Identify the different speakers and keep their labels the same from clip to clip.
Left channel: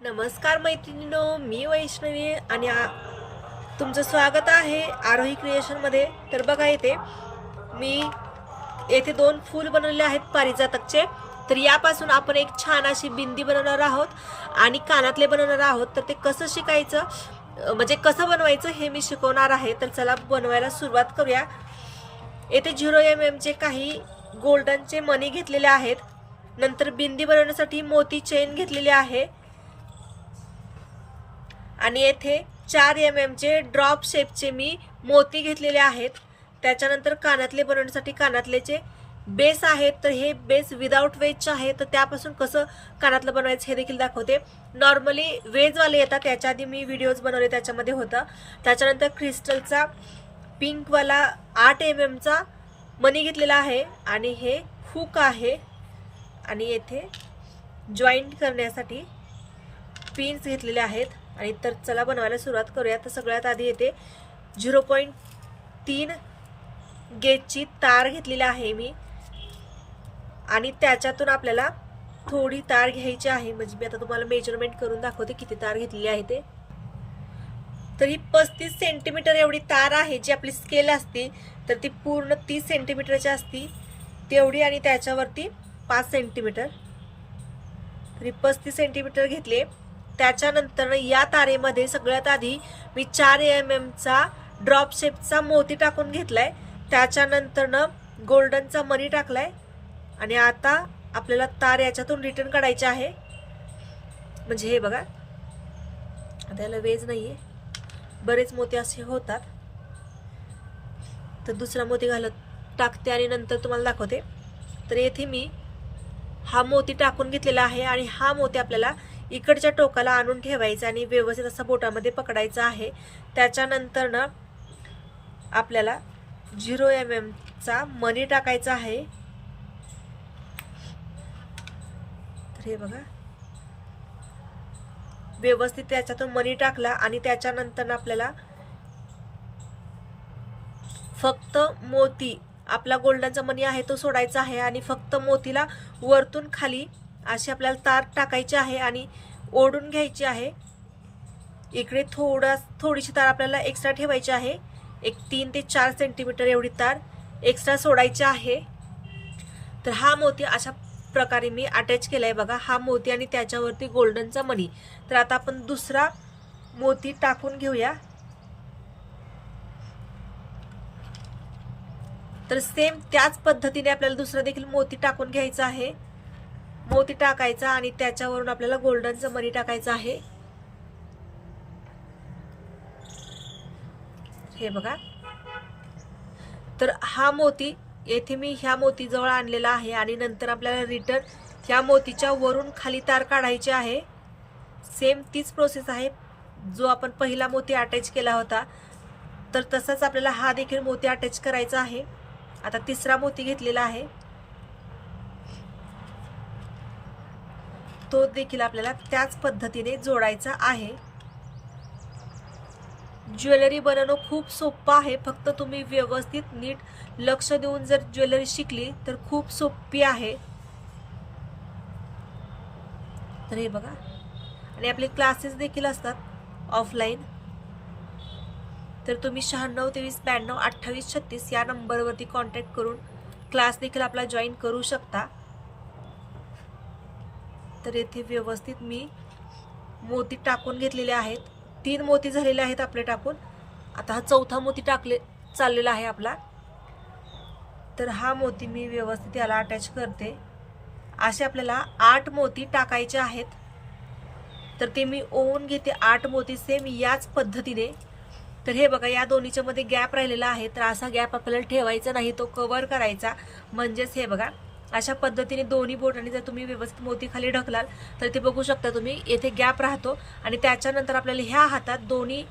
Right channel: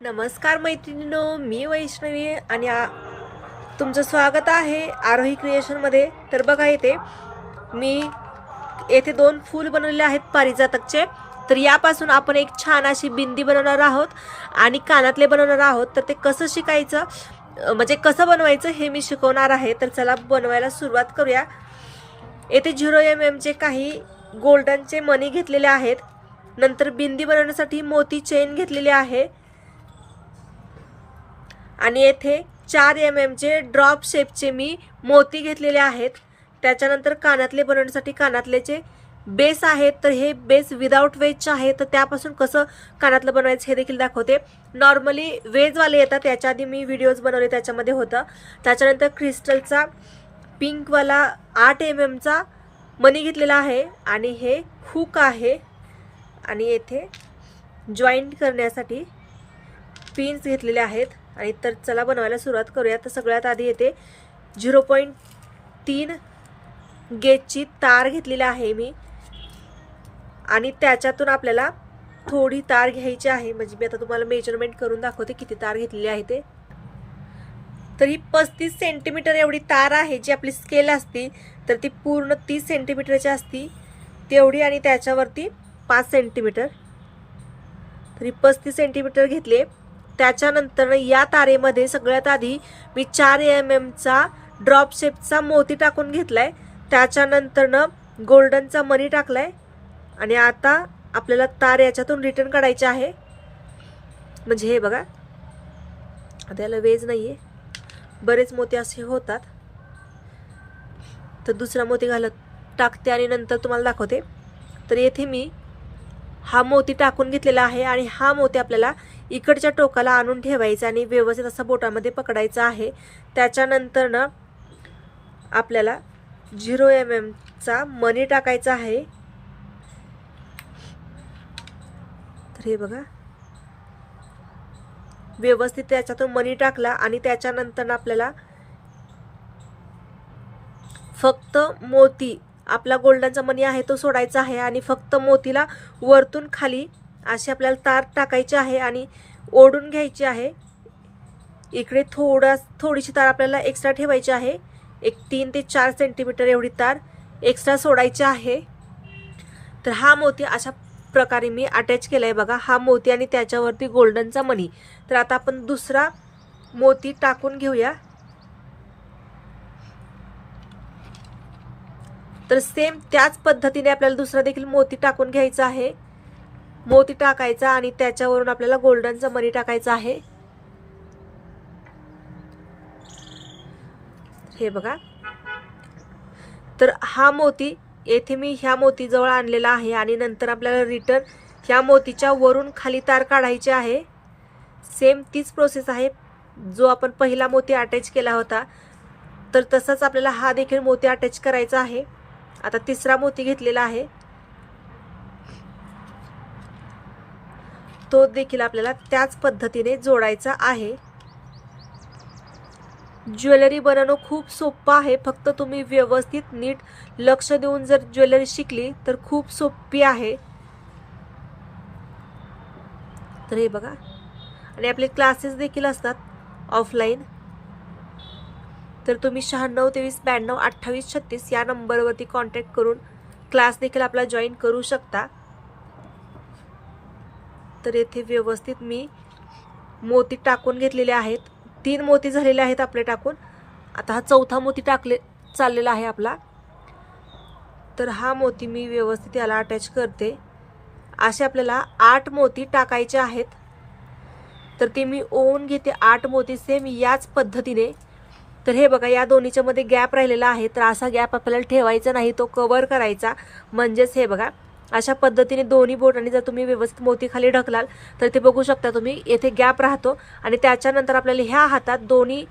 Speaker 1: नमस्कार मैत्रिणींनो मी वैष्णवी आणि तुमचं स्वागत आहे आरोही क्रिएशनमध्ये तर बघा येते मी येथे दोन फूल बनवलेले आहेत पारिजातकचे. तर यापासून आपण एक छान अशी बिंदी बनवणार आहोत आणि कानातले बनवणार आहोत. तर ते कसं शिकायचं म्हणजे कसं बनवायचं हे मी शिकवणार आहे. तर चला बनवायला सुरुवात करूया. येथे झिरो एम एमचे काही गोल्डनचे मनी घेतलेले आहेत. नंतर बिंदी बनवण्यासाठी मोती चेन घेतलेली आहे. आणि येथे चार एम एमचे ड्रॉप शेपचे मी मोती घेतलेले आहेत. त्याच्यानंतर कानातले बनवण्यासाठी कानातलेचे बेस आहेत तर हे बेस विदाऊट वेजचे आहे. तर त्यापासून कसं कानातलं बनवायचं हे देखील दाखवते. नॉर्मली वेजवाले येतात त्याच्या आधी मी व्हिडिओज बनवले त्याच्यामध्ये होतं. त्याच्यानंतर क्रिस्टलचा पिंकवाला आठ एम एमचा मनी घेतलेला आहे. आणि हे हुक आहे. आणि येथे जॉईंट करण्यासाठी पिन्स घेतलेले आहेत. आणि तर चला बनवायला सुरुवात करूया. तर सगळ्यात आधी येते झिरो पॉईंट तीन गेजची तार घेतलेली आहे मी. आणि त्याच्यातून आपल्याला थोडी तार घ्यायची आहे. म्हणजे मी आता तुम्हाला मेजरमेंट करून दाखवते किती तार घेतलेली आहे ते. तर ही पस्तीस सेंटीमीटर एवढी तार आहे जी आपली स्केल असती तर ती पूर्ण तीस सेंटीमीटरची असती. तेवढी आणि त्याच्यावरती पाच सेंटीमीटर तरी पस्तीस सेंटीमीटर घेतले. त्याच्यानंतर या तारेमध्ये सगळ्यात आधी मी चार एम एमचा ड्रॉप शेपचा मोती टाकून घेतलाय. त्याच्यानंतरनं गोल्डनचा मनी टाकलाय. आणि आता आपल्याला तार याच्यातून रिटर्न काढायचे आहे. म्हणजे हे बघा. त्याला वेज वेज नाहीये. बरेच मोती असे होतात. तर दुसरा मोती घालत टाकते आणि नंतर तुम्हाला दाखवते. तर येथे मी हा मोती टाकून घेतलेला आहे आणि हा मोती आपल्याला इकडच्या टोकाला आणून ठेवायचं आणि व्यवस्थित असा बोटामध्ये पकडायचा आहे. त्याच्यानंतर ना आपल्याला झिरो एम एमचा मनी टाकायचा आहे. तर हे बघा. व्यवस्थित त्याच्यातून मनी टाकला आणि त्याच्यानंतर आपल्याला फक्त मोती आपला गोल्डनचा मनी आहे तो सोडायचा आहे आणि फक्त मोतीला वरतून खाली अशी आपल्याला तार टाकायची आहे आणि ओढून घ्यायची आहे. इकडे थोडा थोडीशी तार आपल्याला एक्स्ट्रा ठेवायची आहे. एक तीन ते चार सेंटीमीटर एवढी तार एक्स्ट्रा सोडायची आहे. तर हा मोती अशा प्रकारे मी अटॅच केला आहे बघा. हा मोती आणि त्याच्यावरती गोल्डनचा मनी तर आता आपण दुसरा मोती टाकून घेऊया. तर सेम त्याच पद्धतीने आपल्याला दुसरा देखील मोती टाकून घ्यायचा आहे. मोती टाकायचा आणि त्याच्यावरून आपल्याला गोल्डनचा मनी टाकायचा आहे. हे बघा. तर हा मोती येथे मी ह्या मोतीजवळ आणलेला आहे आणि नंतर आपल्याला रिटर्न ह्या मोतीच्या वरून खाली तार काढायची आहे. सेम तीच प्रोसेस आहे. जो आपण पहिला मोती अटॅच केला होता तर तसाच आपल्याला हा देखील मोती अटॅच करायचा आहे. आता तिसरा मोती घेतलेला आहे. तो देखील आपल्याला त्याच पद्धतीने जोडायचा आहे. ज्वेलरी बनवणं खूप सोपं आहे. फक्त तुम्ही व्यवस्थित नीट लक्ष देऊन जर ज्वेलरी शिकली तर खूप सोपी आहे. तर हे बघा. आणि आपले क्लासेस देखील असतात ऑफलाईन. तर तुम्ही शहाण्णव तेवीस ब्याण्णव अठ्ठावीस छत्तीस या नंबरवरती कॉन्टॅक्ट करून क्लास देखील आपला जॉईन करू शकता. तर येथे व्यवस्थित मी मोती टाकून घेतलेले आहेत. तीन मोती झालेले आहेत आपले टाकून. आता हा चौथा मोती टाकले चाललेला आहे आपला. तर हा मोती मी व्यवस्थित याला अटॅच करते. असे आपल्याला आठ मोती टाकायचे आहेत. तर ते मी ओवून घेते. आठ मोती सेम याच पद्धतीने. तर हे बघा या दोन्हीच्यामध्ये गॅप राहिलेला आहे. तर असा गॅप आपल्याला ठेवायचा नाही तो कवर करायचा. म्हणजेच हे बघा अशा पद्धतीने दोन्ही बोटांनी जर तुम्ही व्यवस्थित मोती खाली ढकलाल तर ते बघू शकता तुम्ही येथे गॅप राहतो. आणि त्याच्यानंतर आपल्याला ह्या हातात दोन्ही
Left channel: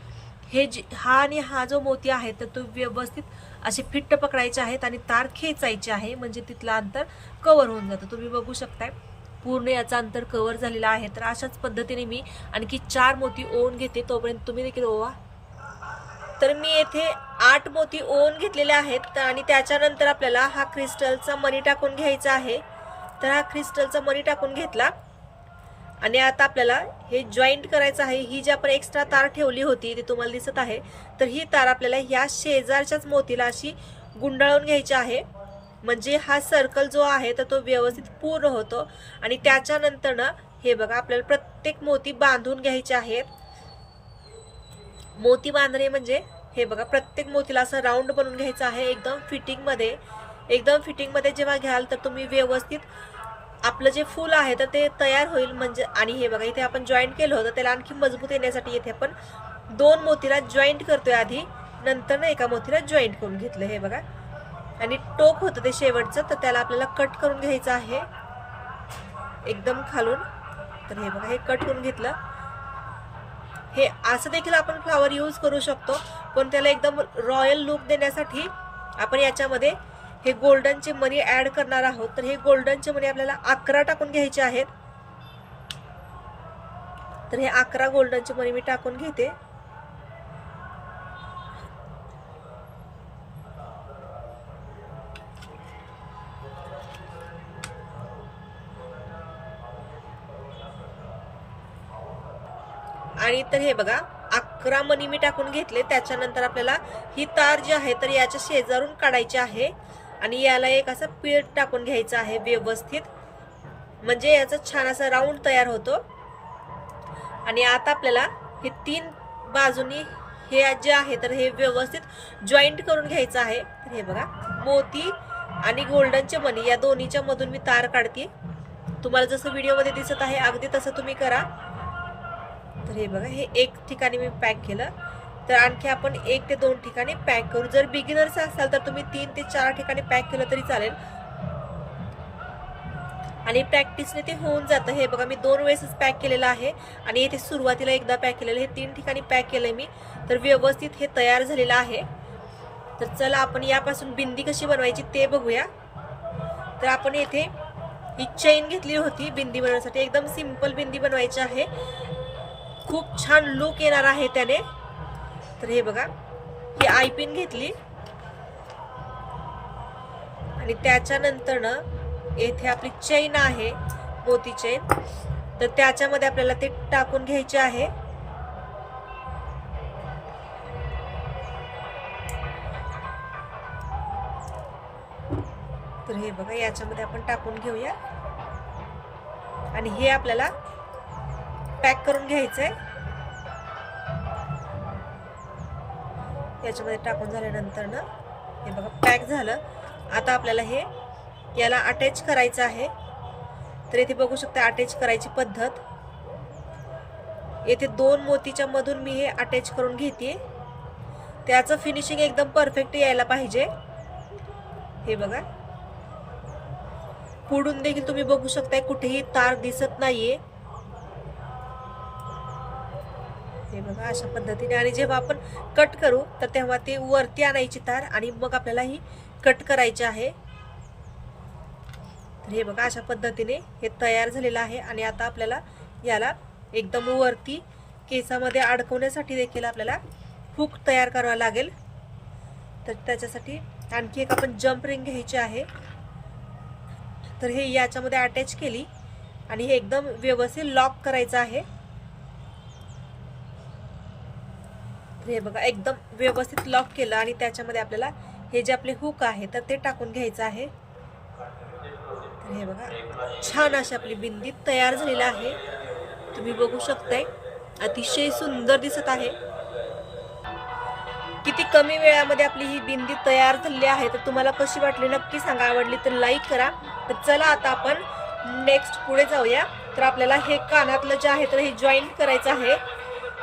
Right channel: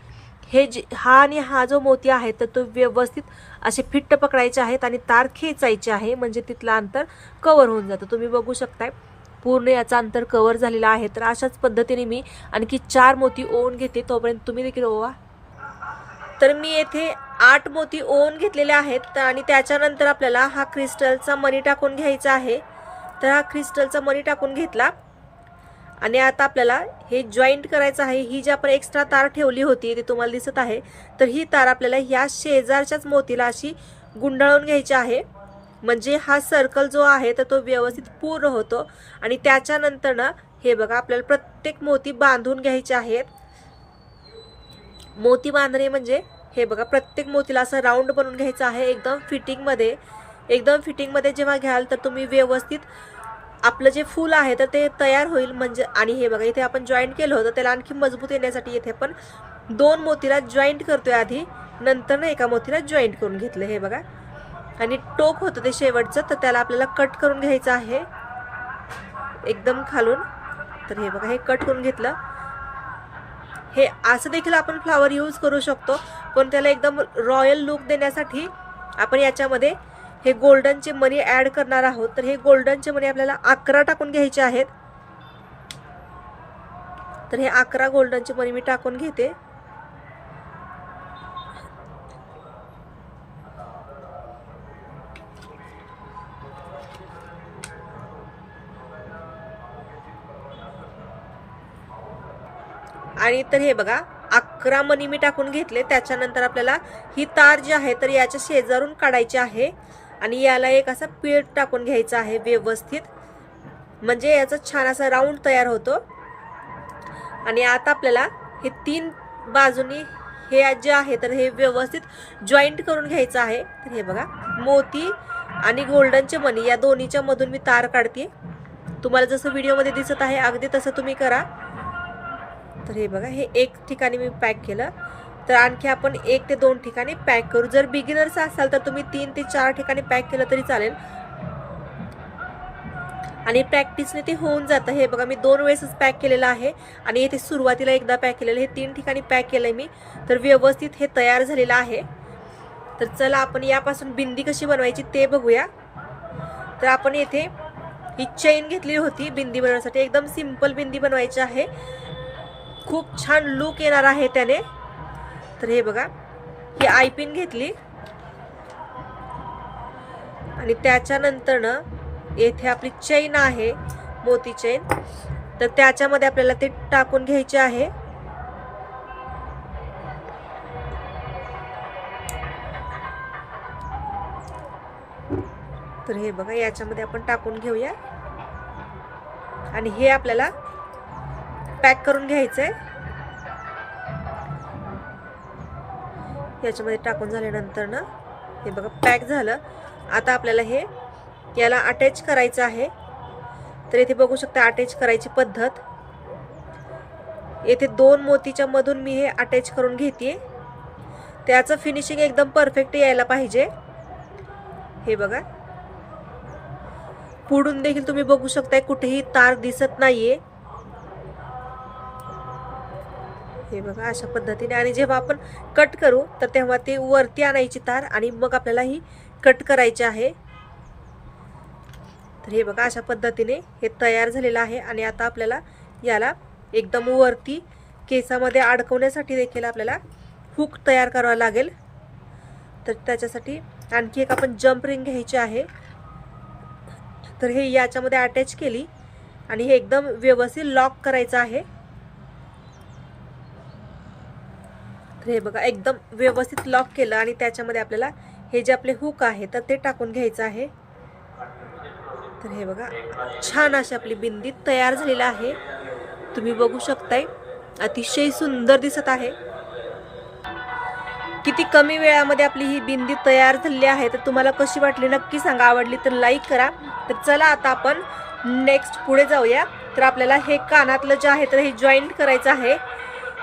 Speaker 1: हे जे हा आणि हा जो मोती आहे तर तो व्यवस्थित असे फिट्ट पकडायचे आहेत आणि तार खेचायचे आहे म्हणजे तिथलं अंतर कवर होऊन जातं. तुम्ही बघू शकताय पूर्ण याचा अंतर कवर झालेला आहे. तर अशाच पद्धतीने मी आणखी चार मोती ओवून घेते. तोपर्यंत तुम्ही देखील ओवा. तर मी येथे आठ मोती ओवून घेतलेले आहेत तर आणि त्याच्यानंतर आपल्याला हा क्रिस्टलचा मणी टाकून घ्यायचा आहे. तर हा क्रिस्टलचा मणी टाकून घेतला. आणि आता आपल्याला हे जॉईंट करायचं आहे. ही जी आपण एक्स्ट्रा तार ठेवली होती ती तुम्हाला दिसत आहे. तर ही तार आपल्याला ह्या शेजारच्याच मोतीला अशी गुंडाळून घ्यायची आहे. म्हणजे हा सर्कल जो आहे तर तो व्यवस्थित पूर्ण होतो. आणि त्याच्यानंतर ना हे बघा आपल्याला प्रत्येक मोती बांधून घ्यायचे आहेत. मोती बांधणे म्हणजे हे बघा प्रत्येक मोतीला असं राऊंड बनवून घ्यायचं आहे. एकदम फिटिंगमध्ये एकदम फिटिंगमध्ये जेव्हा घ्याल तर तुम्ही व्यवस्थित आपलं जे फूल आहे तर ते तयार होईल. म्हणजे आणि हे बघा इथे आपण जॉईंट केलं होतं त्याला आणखी मजबूत येण्यासाठी इथे आपण दोन मोतीला जॉईंट करतोय आधी. नंतर एका मोतीला जॉईंट करून घेतलं हे बघा. आणि टोक होतं ते शेवटचं तर त्याला आपल्याला कट करून घ्यायचं आहे. एकदम खालून. तर हे बघा हे कट करून घेतलं. हे असं देखील आपण फ्लावर यूज करू शकतो पण त्याला एकदम रॉयल लुक देण्यासाठी आपण याच्यामध्ये हे गोल्डनचे मनी ऍड करणार आहोत. तर हे गोल्डनचे मनी आपल्याला अकरा टाकून घ्यायचे आहेत. तर हे अकरा गोल्डनचे मनी मी टाकून घेते. आणि तर हे बघा अकरा मनी मी टाकून घेतले त्याच्यानंतर आपल्याला ही तार जी आहे तर याच्या शेजारून काढायची आहे. आणि याला एक असा पीठ टाकून घ्यायचा आहे व्यवस्थित. म्हणजे याचा छान असा राऊंड तयार होतो. आणि आता आपल्याला हे तीन बाजूनी हे जे आहे तर हे व्यवस्थित जॉईंट करून घ्यायचं आहे. तर हे बघा मोती आणि गोल्डनचे मनी या दोन्हीच्या मधून मी तार काढते. तुम्हाला जसं व्हिडिओमध्ये दिसत आहे अगदी तसं तुम्ही करा. तर हे बघा हे एक ठिकाणी मी पॅक केलं. तर आणखी आपण एक ते दोन ठिकाणी पॅक करू. जर बिगिनर्स असाल तर तुम्ही तीन ते चार ठिकाणी पॅक केलं तरी चालेल. आणि प्रॅक्टिसने ते होऊन जातं. हे बघा मी दोन वेळेसच पॅक केलेलं आहे. आणि इथे सुरुवातीला एकदा पॅक केलेलं हे तीन ठिकाणी पॅक केलंय मी. तर व्यवस्थित हे तयार झालेलं आहे. तर चला आपण यापासून बिंदी कशी बनवायची ते बघूया. तर आपण येथे ही चेन घेतली होती बिंदी बनवण्यासाठी. एकदम सिंपल बिंदी बनवायची आहे. खूप छान लुक येणार आहे त्याने. तर हे बघा ही आयपिन घेतली. आणि त्याच्यानंतर ना येथे आपली चैन आहे मोती चैन तर त्याच्यामध्ये आपल्याला ते टाकून घ्यायचे आहे. तर हे बघा याच्यामध्ये आपण टाकून घेऊया. आणि हे आपल्याला पॅक करून घ्यायचं. आहे याच्यामध्ये टाकून झाल्यानंतर ना हे बघा पॅक झालं. आता आपल्याला हे याला अटॅच करायचं आहे. तर इथे बघू शकता अटॅच करायची पद्धत. येथे दोन मोतीच्या मधून मी हे अटॅच करून घेते. त्याचं फिनिशिंग एकदम परफेक्ट यायला पाहिजे. हे बघा. पुढून देखील तुम्ही बघू शकताय कुठेही तार दिसत नाहीये. हे बघा अशा पद्धतीने. आणि जेव्हा आपण कट करू तर तेव्हा ते वरती आणायची तार आणि मग आपल्याला ही कट करायची आहे. तर हे बघा अशा पद्धतीने हे तयार झालेलं आहे. आणि आता आपल्याला याला एकदम वरती केसामध्ये अडकवण्यासाठी देखील आपल्याला हुक तयार करावा लागेल. तर त्याच्यासाठी आणखी एक आपण जम्प रिंग घ्यायची आहे. तर हे याच्यामध्ये अटॅच केली आणि हे एकदम व्यवस्थित लॉक करायचं आहे. हे बघा एकदम व्यवस्थित लॉक केलं आणि त्याच्यामध्ये आपल्याला हे जे आपले हुक आहे तर ते टाकून घ्यायचं आहे. तर हे बघा छान अशी आपली बिंदी तयार झालेला आहे. तुम्ही बघू शकताय अतिशय सुंदर दिसत आहे. किती कमी वेळामध्ये आपली ही बिंदी तयार झालेली आहे तर तुम्हाला कशी वाटली नक्की सांगा. आवडली तर लाईक करा. तर चला आता आपण नेक्स्ट पुढे जाऊया. तर आपल्याला हे कानातलं जे आहे तर हे जॉईंट करायचं आहे.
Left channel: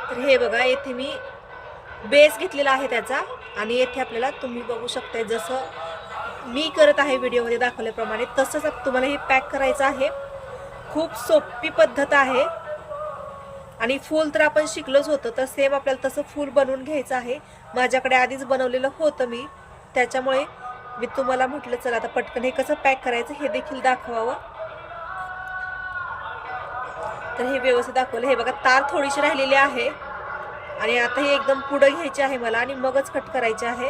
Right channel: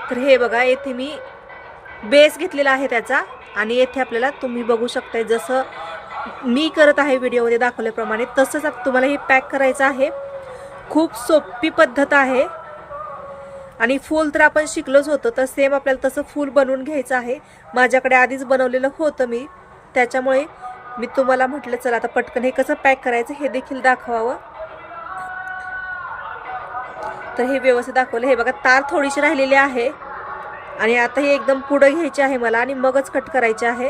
Speaker 1: तर हे बघा येथे मी बेस घेतलेला आहे त्याचा आणि येथे आपल्याला तुम्ही बघू शकताय जसं मी करत आहे व्हिडिओमध्ये दाखवल्याप्रमाणे तसंच तुम्हाला हे पॅक करायचं आहे. खूप सोपी पद्धत आहे. आणि फूल तर आपण शिकलोच होतो तर सेम आपल्याला तसं फूल बनवून घ्यायचं आहे. माझ्याकडे आधीच बनवलेलं होतं मी. त्याच्यामुळे मी तुम्हाला म्हटलं चला आता पटकन हे कसं पॅक करायचं हे देखील दाखवावं. तर हे व्यवस्थित दाखवलं. हे बघा तार थोडीशी राहिलेली आहे. आणि आता हे एकदम पुढं घ्यायचे आहे मला आणि मगच कट करायचे आहे.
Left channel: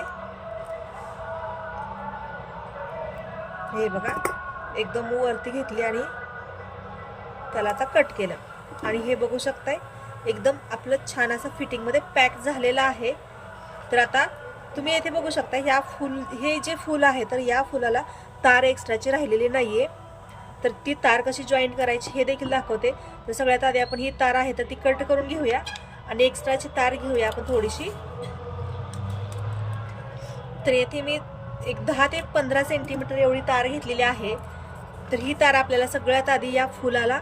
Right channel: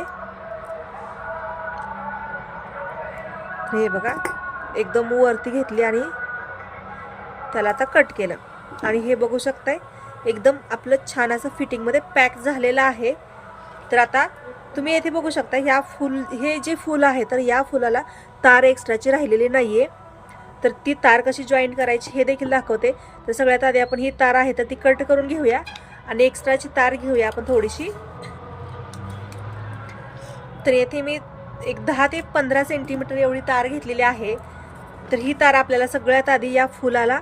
Speaker 1: हे बघा एकदम वरती घेतली आणि त्याला आता कट केलं. आणि हे बघू शकताय एकदम आपलं छान असं फिटिंगमध्ये पॅक झालेलं आहे. तर आता तुम्ही येथे बघू शकता ह्या फुल हे जे फुल आहे तर या फुलाला तार एक्स्ट्राची राहिलेली आहे तर ती तार कशी जॉईन करायची हे देखील दाखवते. तर सगळ्यात आधी आपण ही तार आहे तर ती कट करून घेऊया. आणि एक्स्ट्राची तार घेऊया आपण थोडीशी. तर येथे मी एक दहा ते पंधरा सेंटीमीटर एवढी तार घेतलेली आहे. तर ही तार आपल्याला सगळ्यात आधी या फुलाला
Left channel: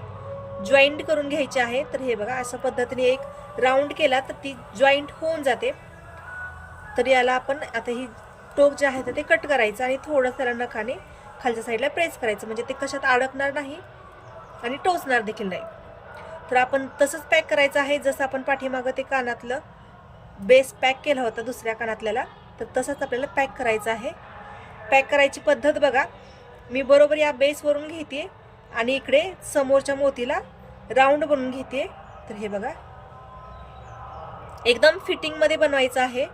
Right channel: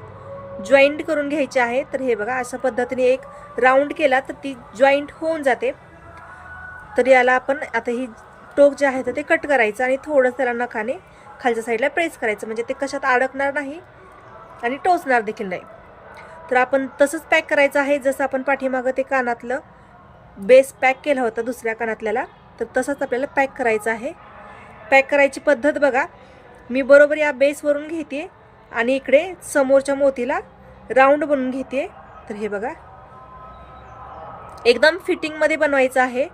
Speaker 1: जॉईंट करून घ्यायची आहे. तर हे बघा अशा पद्धतीने एक राऊंड केला तर ती जॉईंट होऊन जाते. तर याला आपण आता ही टोक जे आहे तर ते कट करायचं आणि थोडं त्याला नखाने खालच्या साईडला प्रेस करायचं. म्हणजे ते कशात अडकणार नाही आणि टोचणार देखील नाही. तर आपण तसंच पॅक करायचं आहे. जसं आपण पाठीमागं ते कानातलं बेस पॅक केला होता दुसऱ्या कानातल्याला तर तसंच आपल्याला पॅक करायचं आहे. पॅक करायची पद्धत बघा. मी बरोबर या बेसवरून घेते आणि इकडे समोरच्या मोतीला राऊंड बनवून घेते. तर हे बघा. एकदम फिटिंगमध्ये बनवायचं आहे.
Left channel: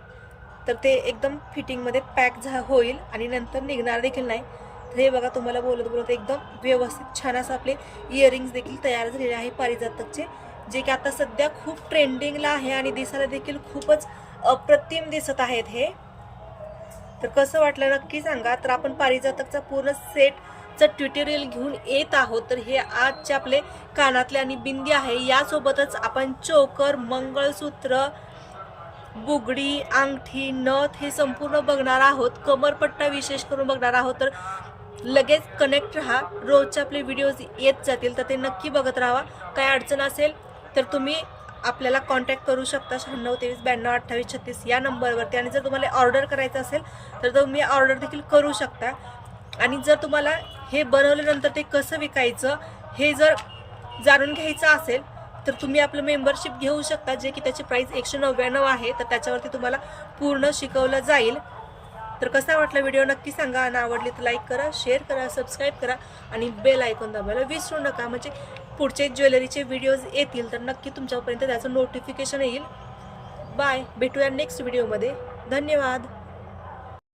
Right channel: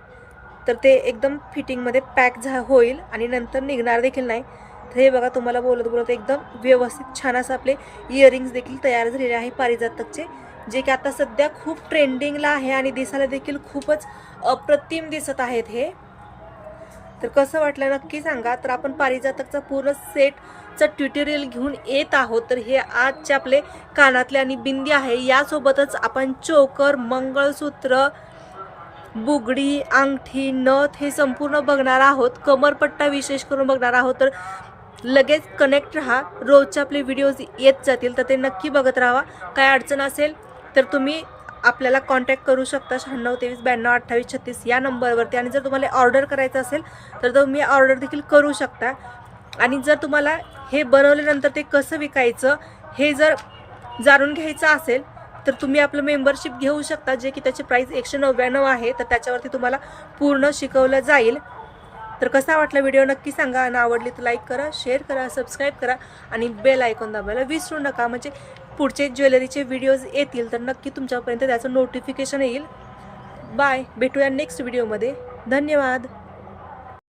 Speaker 1: तर ते एकदम फिटिंगमध्ये पॅक झा होईल आणि नंतर निघणार देखील नाही. हे बघा तुम्हाला बोलत बोलत एकदम व्यवस्थित छान असं आपले इयरिंग्स देखील तयार झालेले आहे पारिजातकचे जे की आता सध्या खूप ट्रेंडिंगला आहे आणि दिसायला देखील खूपच अप्रतिम दिसत आहेत हे. तर कसं वाटलं नक्की सांगा. तर आपण पारिजातकचा पूर्ण सेटचं ट्युटोरियल घेऊन येत आहोत. तर हे आजचे आपले कानातले आणि बिंदी आहे. यासोबतच आपण चोकर मंगळसूत्र बुगडी अंगठी नथ हे संपूर्ण बघणार आहोत. कमरपट्टा विशेष करून बघणार आहोत. तर लगेच कनेक्ट राहा. रोजचे आपले व्हिडिओज येत जातील तर ते नक्की बघत राहा. काय अडचण असेल तर तुम्ही आपल्याला कॉन्टॅक्ट करू शकता. शहाण्णव तेवीस ब्याण्णव अठ्ठावीस छत्तीस या नंबरवरती आणि जर तुम्हाला ऑर्डर करायचं असेल तर तुम्ही ऑर्डर देखील करू शकता. आणि जर तुम्हाला हे बनवल्यानंतर ते कसं विकायचं हे जर जाणून घ्यायचं असेल तर तुम्ही आपलं मेंबरशिप घेऊ शकता. जे की त्याची प्राईस एकशे नव्याण्णव आहे तर त्याच्यावरती तुम्हाला पूर्ण शिकवलं जाईल. तर कसा वाटला व्हिडिओ नक्की सांगा. आणि आवडली तर लाईक करा शेअर करा सबस्क्राईब करा. आणि बेल आयकॉन दाबायला विसरू नका. म्हणजे पुढचे ज्वेलरीचे व्हिडिओज येतील तर नक्की तुमच्यापर्यंत त्याचं नोटिफिकेशन येईल. बाय भेटूया नेक्स्ट व्हिडिओमध्ये धन्यवाद.